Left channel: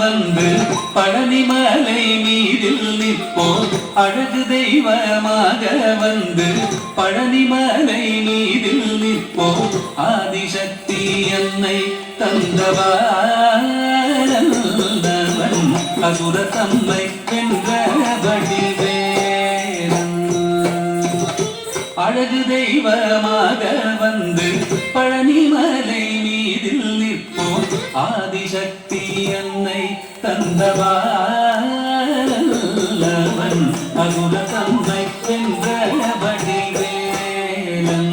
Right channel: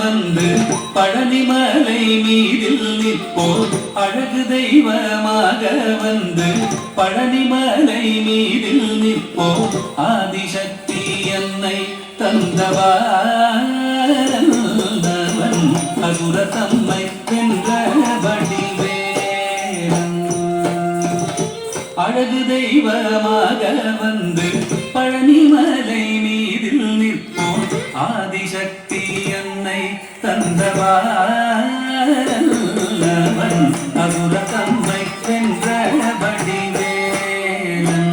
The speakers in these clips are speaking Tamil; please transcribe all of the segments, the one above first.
வந்து பழனிமலை மீதில் நிற்போ அழகு தெய்வமாக வந்து பழனிமலை மீதில் நிற்போ ஆதிசக்தி என்னை தந்தவன் அசுர தம்மை என்ற வடிவேலன் அழகு தெய்வமாக வந்து பழனிமலை மீதில் நிற்போ ஆதிசக்தி என்னை தந்தவன் அசுர தம்மை என்ற வடிவேலன்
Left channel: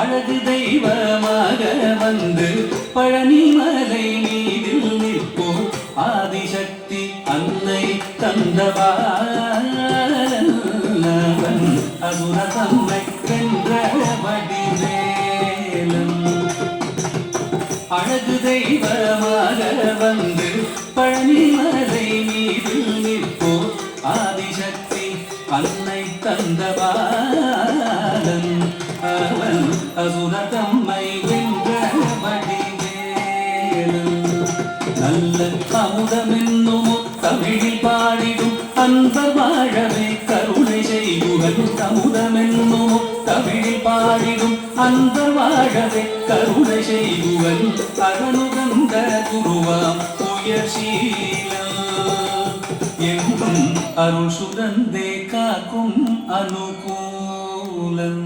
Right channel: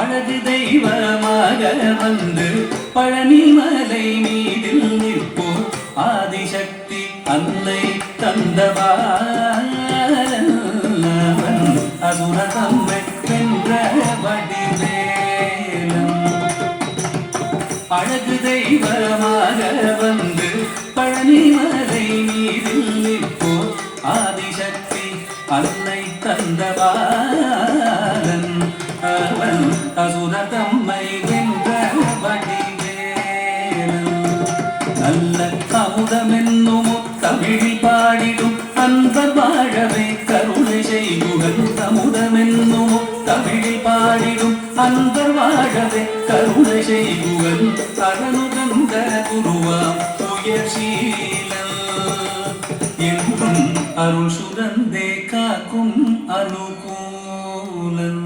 அழகு தெய்வமாக வந்து பழனிமலை மீதில் நிற்போ ஆதிசக்தி அன்னை தந்தவன் அசுர தம்மை என்ற வடிவேலன் அழகு தெய்வமாக வந்து பழனிமலை மீதில் நிற்போ ஆதிசக்தி அன்னை தந்தவன் அவன் அசுர தம்மை வென்ற வடிவேலன் நல்ல அமுதமென்னும் தமிழில் பாடிடும் அந்த வாழவே கருணை செய்குவன் அமுதமென்னும் தமிழில் பாடிடும் அந்த வாழவே கருணை செய்குவன் அகனுகந்த குருவாம் உயர்சீலம் என்றும் அருள் சுரந்தே காக்கும் அனுகூலம்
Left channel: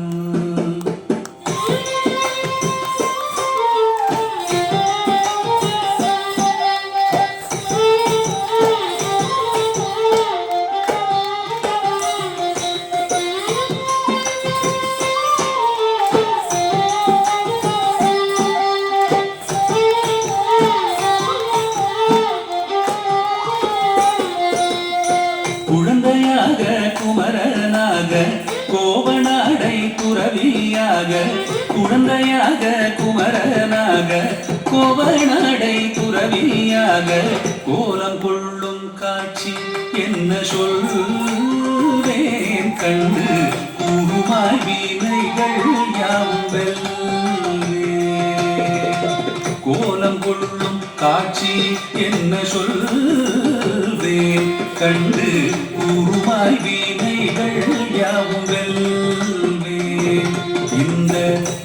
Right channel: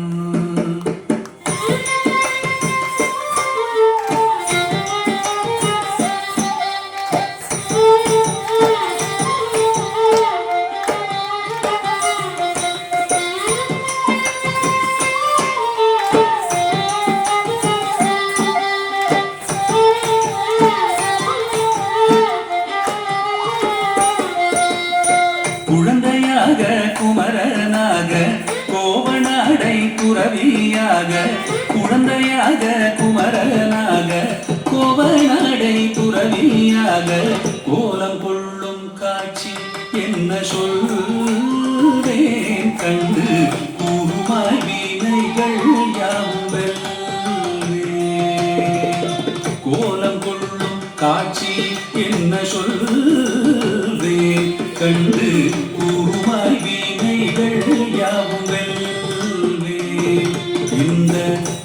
குழந்தையாக குமரனாக கோவனாடை துறவியாக குழந்தையாக குமரனாக கோவனாடை துறவியாக கோலம் கொள்ளும் காட்சி என்ன சொல்வேன் கண்டு கூறுமாய் வீணைகள் யாவும் கோலம் கொள்ளும் காட்சி என்ன சொல்வேன் கண்டு கூறுமாய் வீணைகள் யாவும் வெல்வேன் இந்த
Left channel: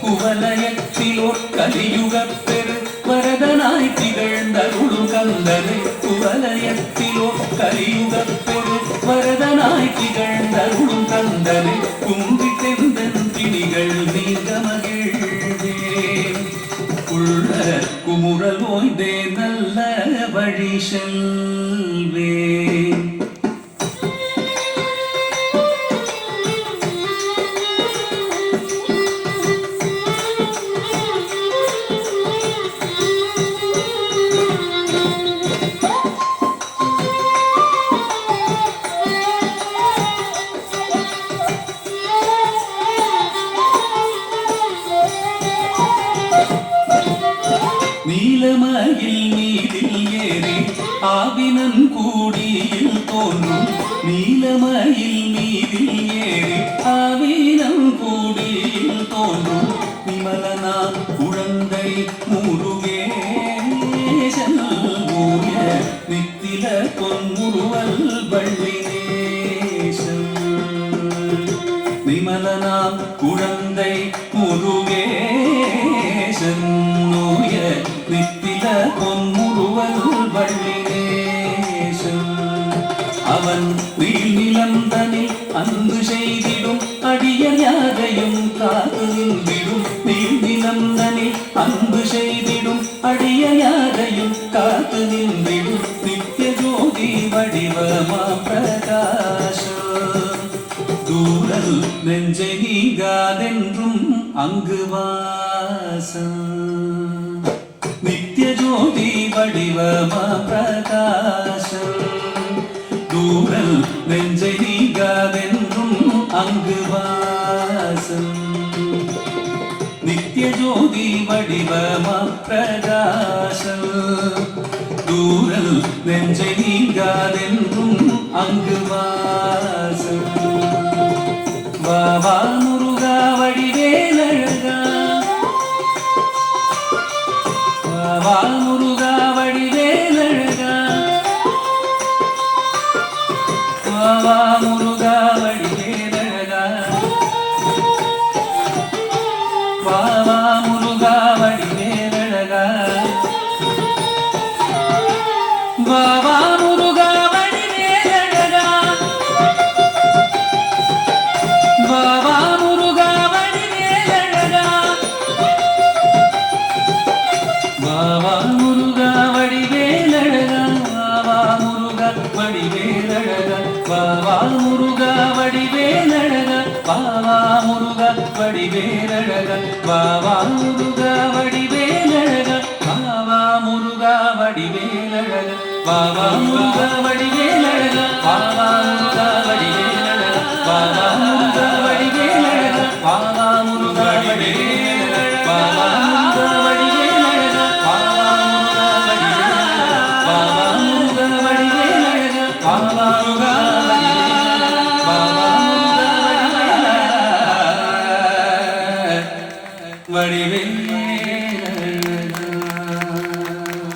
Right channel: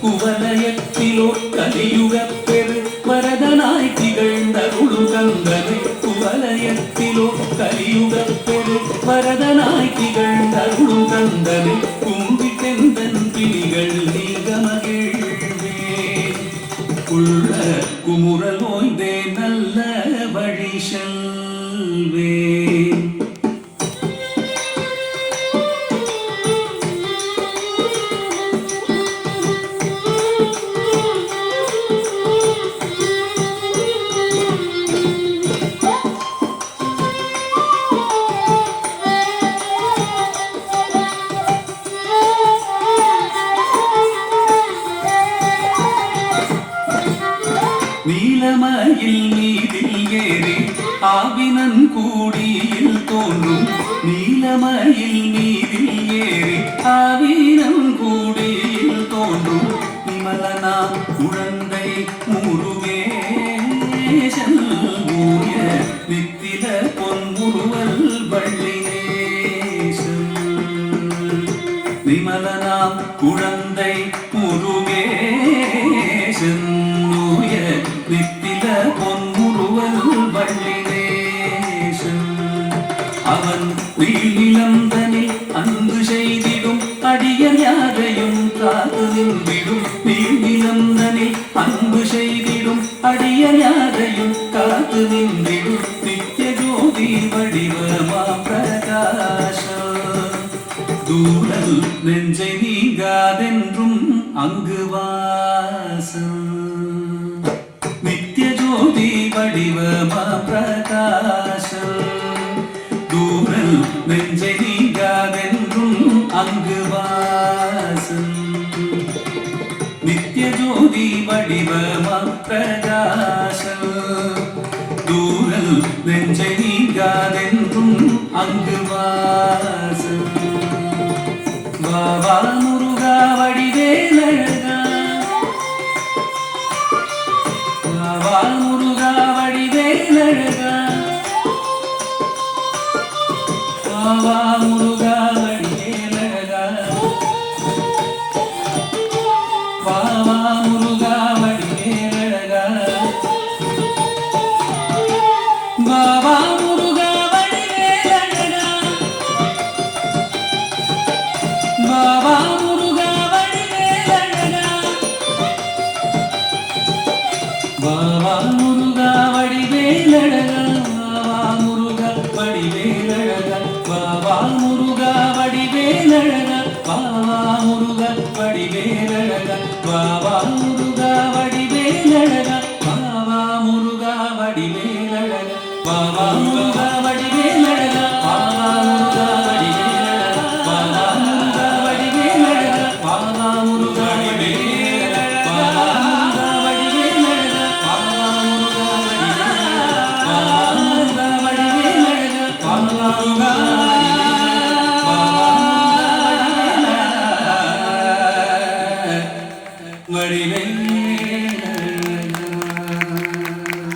குவலயத்திலோ கலியுகப் பெரு வரதனாய் திகழ்ந்தருளும் கந்தனை குவலயத்திலோ கலியுகப் பெரு வரதனாய் திகழ்ந்தருளும் கந்தனை கும்பி தெந்தன் பிணிகள் நீங்க மகிழ்வேன் உள்ள குமுறல் நோய்ந்தே நல்ல வழி செல்வேன் நீலமயில் மீதில் ஏறி ஆவினன் கூடியில் தோன்றும் நீலமயில் மீதில் ஏறி ஆவினன் கூடியில் தோன்றும் விமலனா குழந்தை முருகேசன் ஊய நித்தில பொன்முருவல் வள்ளினேசன் விமலனா குழந்தை முருகேசன் நித்தில பொன்முருவல் வள்ளினேசன் அவன் நீலந்தனில் அன்பு செய்திடும் அடியர் யாரையும் காத்து நின்றிடும் நீலந்தனில் அன்பு செய்திடும் அடியர் யாரையும் காத்து நின்றிடும் நித்திய ஜோதி வடிவமா பிரகாசம் தூரல் நெஞ்சை நீங்காதென்றும் அங்கு வாசம் நித்திய ஜோதி வடிவமா பிரகாசம் தூரல் நெஞ்சை நீங்காதென்றும் அங்கு வாசம் நித்திய ஜோதி வடிவமா பிரகாசம் தூரல் நெஞ்சை நீங்காதென்றும் அங்கு வாசம் வா வா முருகா வடிவேலழகா வா முருகா வடி வாவா முருகா வடிவேலழகா வாவா முருகா வடிவேலழகா வாவா முருகா வடிவேலழகா வாவா முருகா வடிவேலழகா வாவா முருகா வடிவேலழகா வாவா முருகா வடிவேலழகா வாவா முருகா வடிவேலழகா வாவா முருகா வடிவேலழகா வாவா முருகா வடிவேலழகா வாவா முருகா வடிவேலழகா வாவா முருகா வடிவேலழகா வாவா முருகா வடிவேலழகா வாவா முருகா வடிவேலழகா வாவா முருகா வடிவேலழகா வாவா முருகா வடிவேலழகா வாவா முருகா வடிவேலழகா